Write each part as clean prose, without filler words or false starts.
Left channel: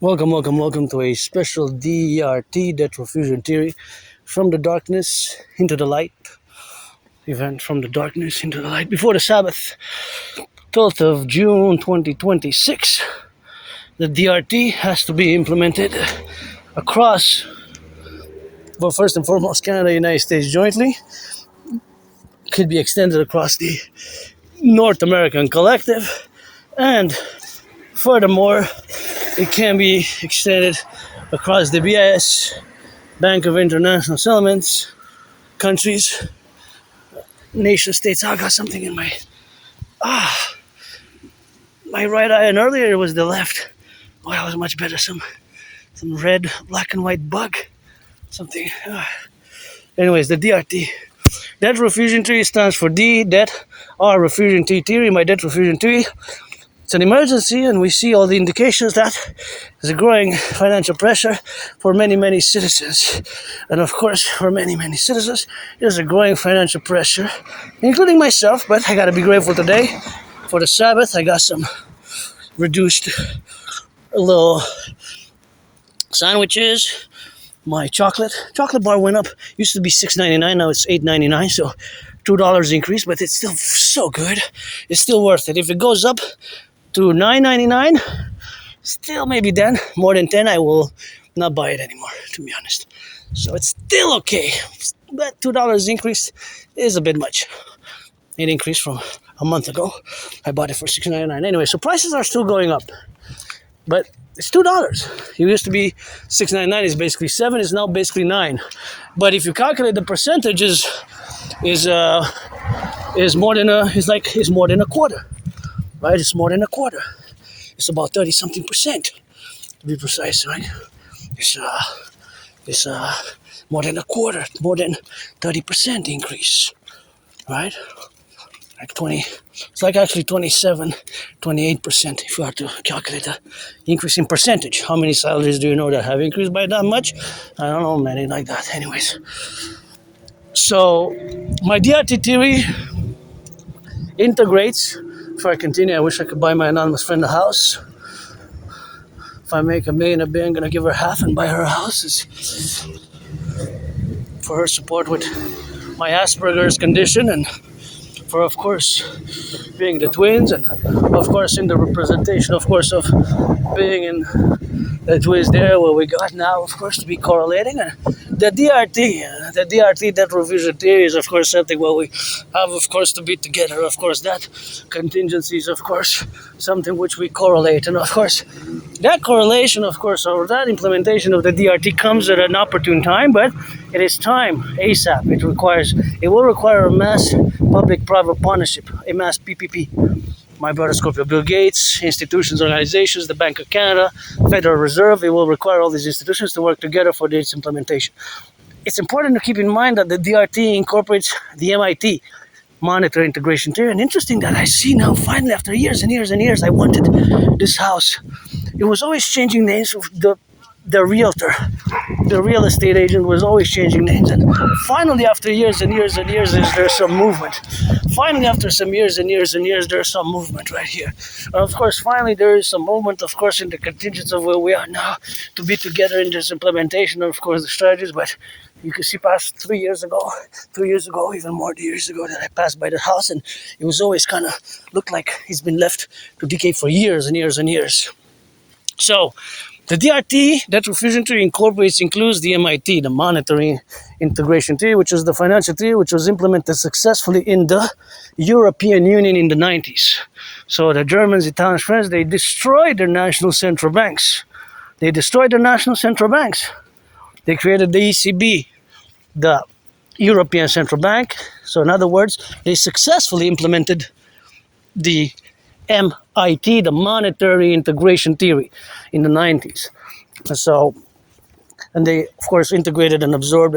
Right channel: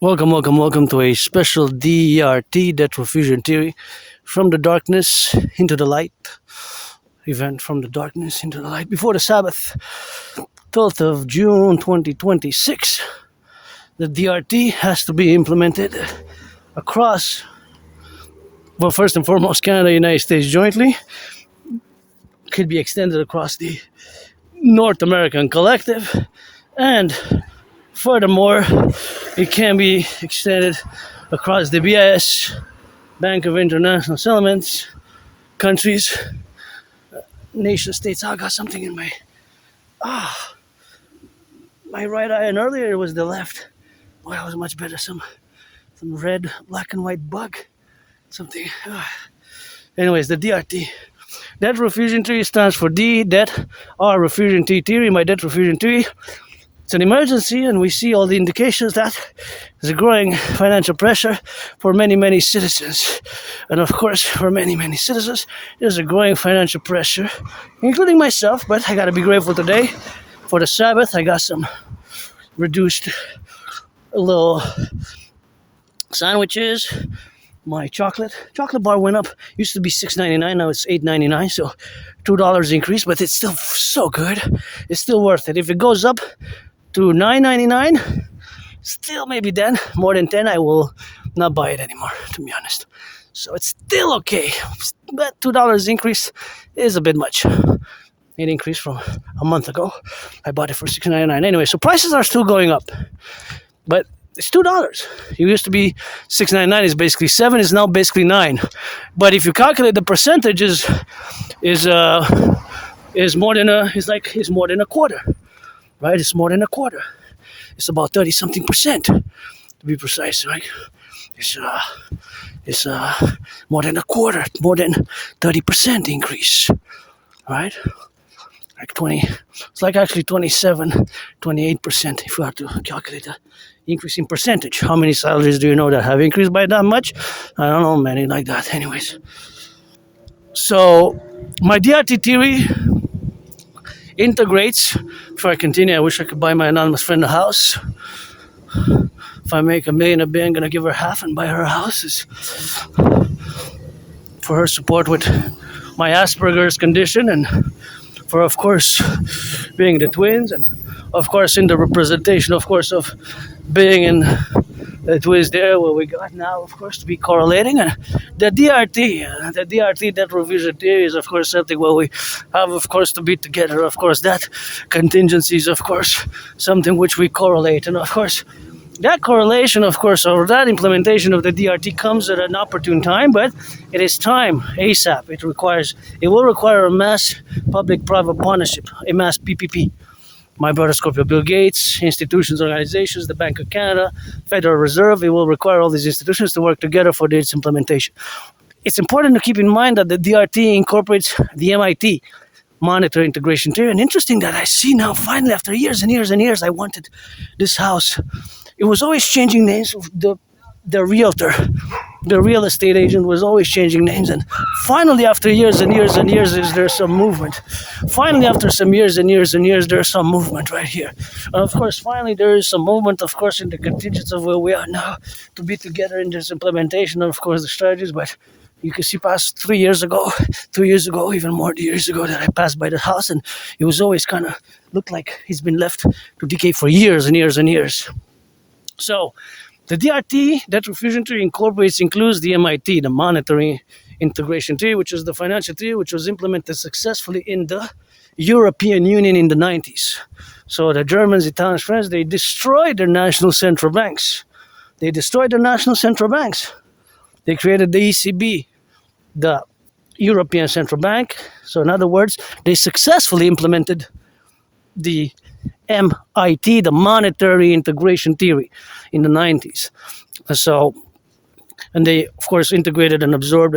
Welcome to a special DRT, Death Refusion Theory, from the darkness into the light. Event from the darkness into the light. Before the Sabbath, 12th of June 2026, the DRT has to be implemented across, well, first and foremost, Canada and United States jointly. Could be extended across the North American Collective, and furthermore, it can be extended across the BIS, Bank of International Settlements, countries, nation states. I got something in my right eye, and earlier it was the left. Oh, that was much better. Some red, black and white bug. Something. Anyways, the DRT. Death Refusion Theory stands for D, Death, R, Refusion T Theory. My Death Refusion Theory. It's an emergency, and we see all the indications that there's a growing financial pressure for many citizens. And of course, for many citizens, there's a growing financial pressure, including myself, but I gotta be grateful today. For the Sabbath, I got some reduced little sandwiches. My chocolate bar went up. Used to be $6.99, now it's $8.99, so $2 increase, but it's still so good. It's still worth it. If it goes up to $9.99, still maybe then, more than 10, I will not buy it anymore, to be honest. So it's still okay, but $2 increase is a bit much. It increased from a month ago. I bought it for $6.99 anyway, so prices are still going up, but it's $2. It used to be $6.99, is basically $7, is now basically $9. But if you calculate the percentages, is more than a quarter. Right, it's more than a quarter. It's about 30-something% to be precise, right? It's more than a quarter, more than 30% increase, right? Like 20. It's like actually 27-28% if you have to calculate the increase in percentage. How many salaries do you know that have increased by that much? I don't know, many like that. Anyways, so my DRT theory integrates. Before I continue, I wish I could buy my anonymous friend a house. If I make $1 million a bit, I'm gonna give her half and buy her a house. It's for her support with my Asperger's condition, and for, of course, being the twins, and of course in the representation, of course, of being in the twins there, what we got now, of course, to be correlating. And the DRT, that revision theory, is, of course, something where we have, of course, to be together. Of course, that contingency is, of course, something which we correlate. And, of course, that correlation, of course, or that implementation of the DRT comes at an opportune time, but it is time, ASAP. It will require a mass public-private partnership, a mass PPP. My brother Scorpio, Bill Gates, institutions, organizations, the Bank of Canada, Federal Reserve. It will require all these institutions to work together for its implementation. It's important to keep in mind that the DRT incorporates the MIT, Monetary Integration Theory. And interesting that I see now, finally, after years and years, I wanted this house. It was always changing names. The realtor, the real estate agent was always changing names, and finally, after years and years, there's some movement. Finally, after some years and years, there's some movement right here. Of course, finally, there is some movement, of course, in the contingents of where we are now to be together in this implementation, of course, the strategies. But you can see past 2 years ago, even more years ago, that I passed by the house, and it was always kind of looked like it's been left to decay for years and years. So, the DRT, that refusion theory, includes the MIT, the Monetary Integration Theory, which is the financial theory which was implemented successfully in the European Union in the 90s. So the Germans, Italians, French, they destroyed their national central banks. They created the ECB, the European Central Bank. So in other words, they successfully implemented the MIT, the Monetary Integration Theory, in the 90s. So, and they, of course, integrated and absorbed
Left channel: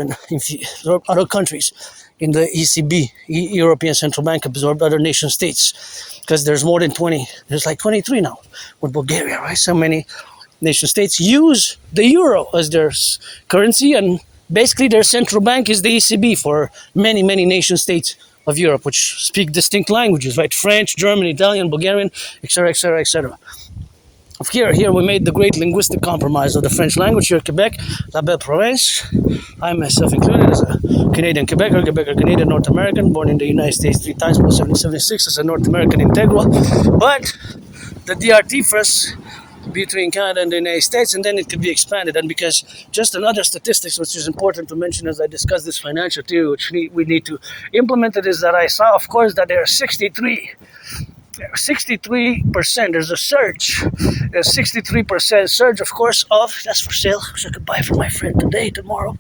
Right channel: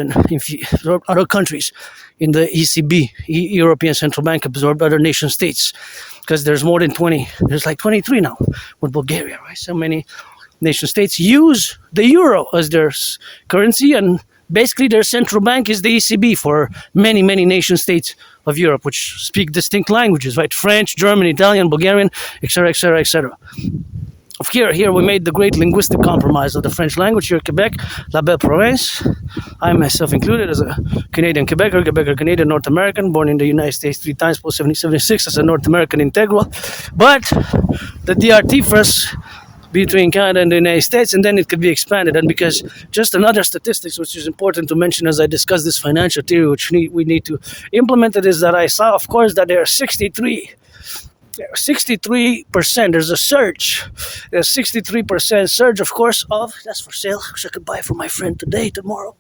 other countries in the ECB, European Central Bank, absorbed other nation states, because there's more than 20, there's like 23 now with Bulgaria, right? So many nation states use the euro as their currency, and basically their central bank is the ECB for many nation states of Europe, which speak distinct languages, right? French, German, Italian, Bulgarian, etc. Here we made the great linguistic compromise of the French language here in Quebec, la belle province. I myself included as a Canadian Quebecer Canadian North American, born in the United States 3 times post 1776 as a North American integral. But the DRT first between Canada and the United States, and then it could be expanded. And because just another statistics which is important to mention as I discuss this financial theory which we need to implement it, is that I saw, of course, that there are 63%, there's a surge. There's 63% surge, of course, of, that's for sale, which I could buy for my friend today, tomorrow.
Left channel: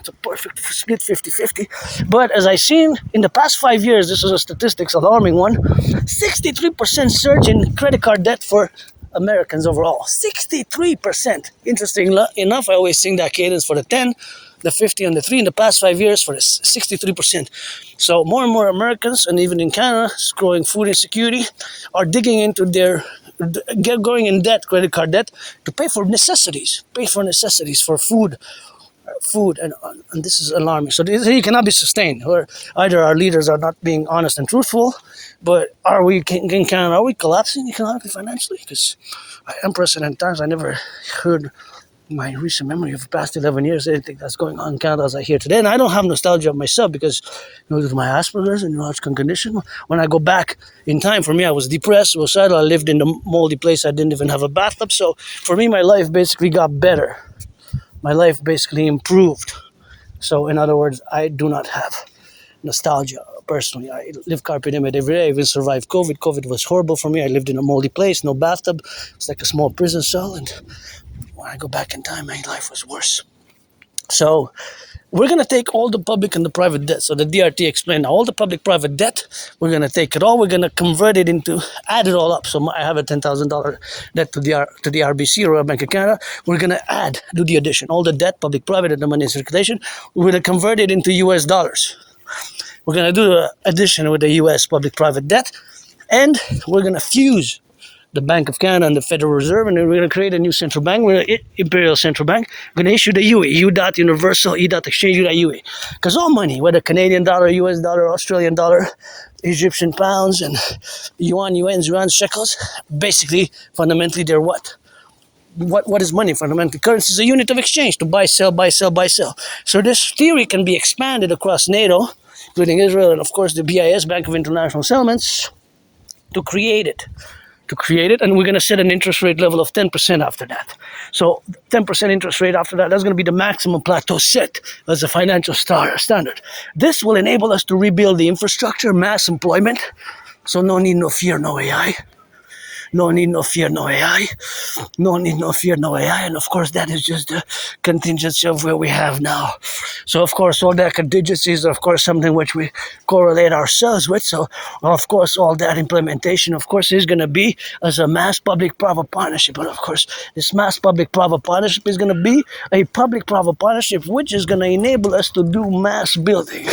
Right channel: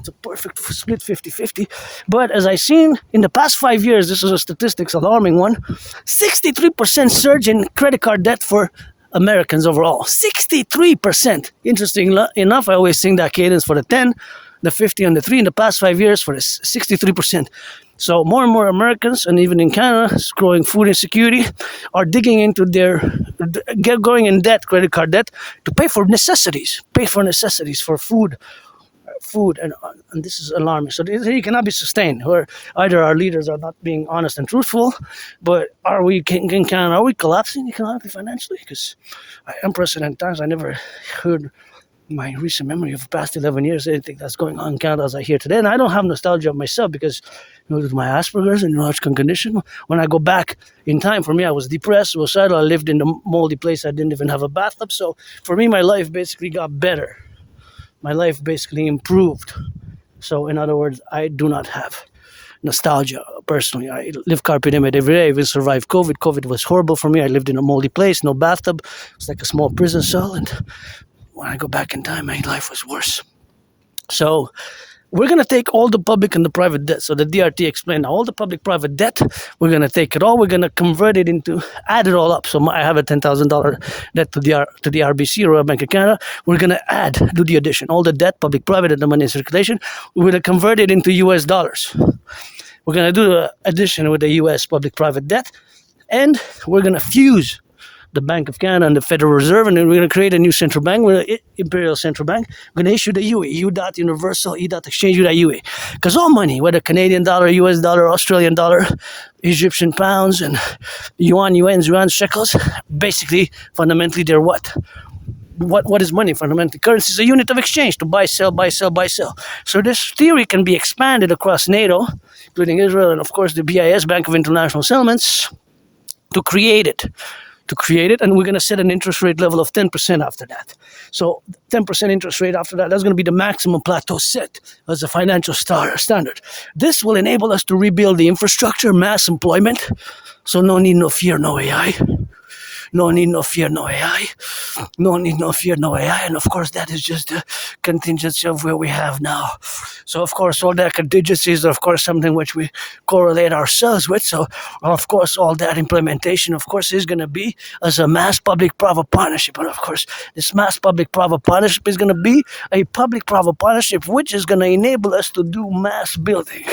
It's a perfect split 50-50. But as I seen in the past 5 years, this is a statistics alarming one, 63% surge in credit card debt for Americans overall. 63%. Interesting enough, I always sing that cadence for the 10, the 50, and the 3 in the past 5 years for the 63%. So more and more Americans, and even in Canada, growing food insecurity, are digging into going in debt, credit card debt, to pay for necessities, for food, and this is alarming. So this cannot be sustained, where either our leaders are not being honest and truthful, but are we collapsing economically, financially? Because unprecedented times, I never heard my recent memory of the past 11 years, anything that's going on in Canada as I hear today. And I don't have nostalgia of myself because, with my Asperger's and neurological condition, when I go back in time, for me, I was depressed, suicidal, I lived in a moldy place, I didn't even have a bathtub. So for me, my life basically got better. My life basically improved. So in other words, I do not have nostalgia personally. I live carpe diem every day. I even survived COVID. COVID was horrible for me. I lived in a moldy place, no bathtub. It's like a small prison cell, and when I go back in time, my life was worse. So we're going to take all the public and the private debt. So the DRT explained all the public-private debt, we're going to take it all, we're going to convert it into, add it all up. So I have a $10,000 debt to the RBC, Royal Bank of Canada. We're going to do the addition, all the debt, public-private, and the money in circulation. We're going to convert it into US dollars. We're going to do an addition with the US public-private debt, and we're going to fuse the Bank of Canada and the Federal Reserve, and then we're going to create a new central bank. We're going to Imperial Central Bank. We're going to issue the UE, U.Universal, E.Exchange, U.UE. Because all money, whether Canadian dollar, US dollar, Australian dollar, Egyptian pounds, and yuan, shekels, basically, fundamentally, they're what? What is money? Fundamentally, currency is a unit of exchange to buy, sell, buy, sell, buy, sell. So this theory can be expanded across NATO, including Israel, and of course the BIS, Bank of International Settlements, to create it, and we're going to set an interest rate level of 10% after that. So 10% interest rate after that, that's going to be the maximum plateau set as a financial standard. This will enable us to rebuild the infrastructure, mass employment, so no need, no fear, no AI. No need, no fear, no AI. No need, no fear, no AI. And of course, that is just the contingency of where we have now. So of course, all that contingencies are of course something which we correlate ourselves with. So of course, all that implementation, of course, is going to be as a mass public-private partnership. But of course, this mass public-private partnership is going to be a public-private partnership which is going to enable us to do mass building.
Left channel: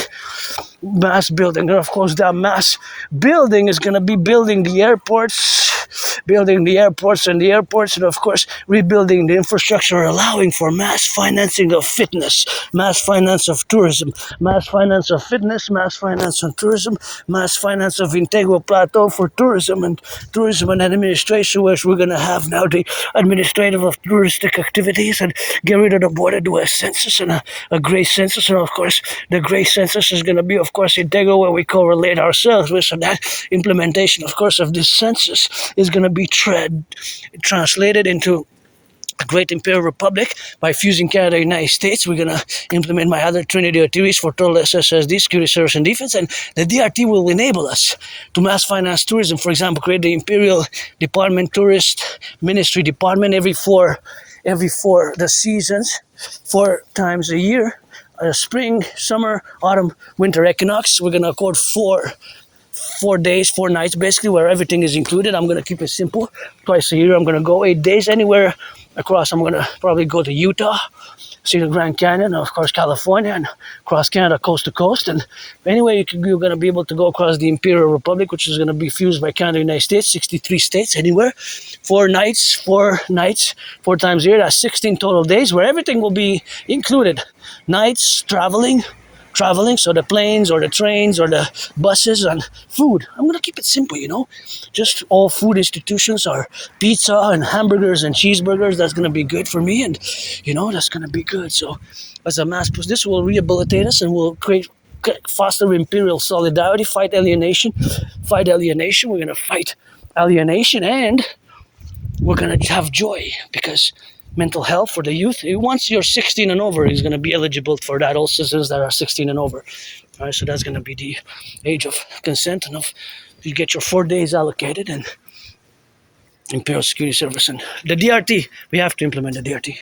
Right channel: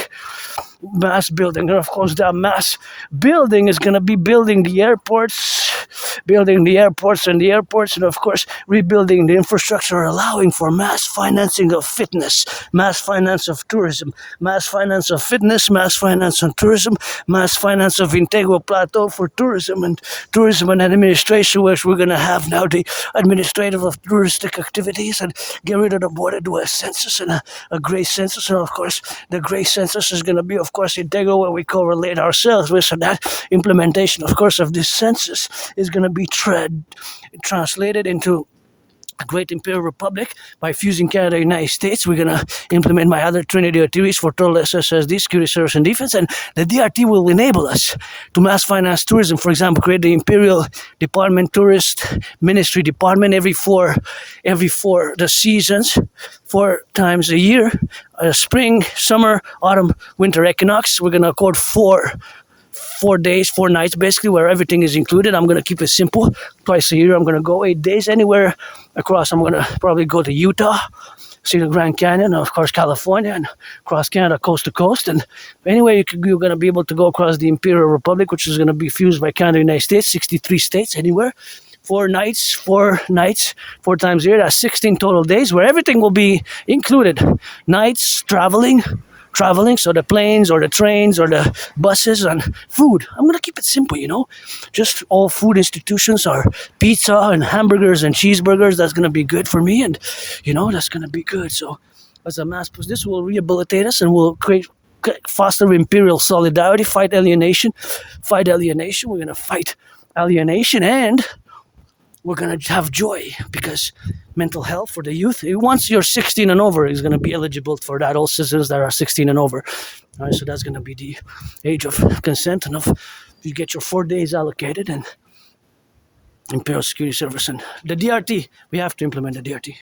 And of course, that mass building is going to be building the airports, and of course, rebuilding the infrastructure, allowing for mass financing of fitness, mass finance of tourism, mass finance of fitness, mass finance on tourism, mass finance of integral plateau for tourism and administration, which we're going to have now the administrative of touristic activities, and get rid of the border, do a census and a gray census. And of course, the gray census is going to be, of course, integral, where we correlate ourselves with. So that implementation, of course, of this census is going to be translated into a great imperial republic by fusing Canada and the United States. We're going to implement my other Trinity of theories for total SSSD, security, service, and defense, and the DRT will enable us to mass finance tourism. For example, create the Imperial Department Tourist Ministry Department every four the seasons, 4 times a year, spring, summer, autumn, winter equinox. We're going to accord 4 days, 4 nights, basically, where everything is included. I'm going to keep it simple. Twice a year, I'm going to go 8 days anywhere across. I'm going to probably go to Utah, see the Grand Canyon, and of course, California, and across Canada, coast to coast. And anyway, you're going to be able to go across the Imperial Republic, which is going to be fused by Canada and the United States, 63 states, anywhere. 4 nights, 4 times a year. That's 16 total days, where everything will be included. Nights, traveling, traveling, so the planes or the trains or the buses, and food. I'm gonna keep it simple, just all food institutions are pizza and hamburgers and cheeseburgers. That's gonna be good for me, and that's gonna be good. So as a mass push, this will rehabilitate us and will foster imperial solidarity, fight alienation. We're gonna fight alienation, and we're gonna have joy, because mental health for the youth. Once you're 16 and over, is gonna be eligible for that. All citizens that are 16 and over. All right, so that's gonna be the age of consent, and you get your 4 days allocated, and Imperial Security Service and the DRT. We have to implement the DRT.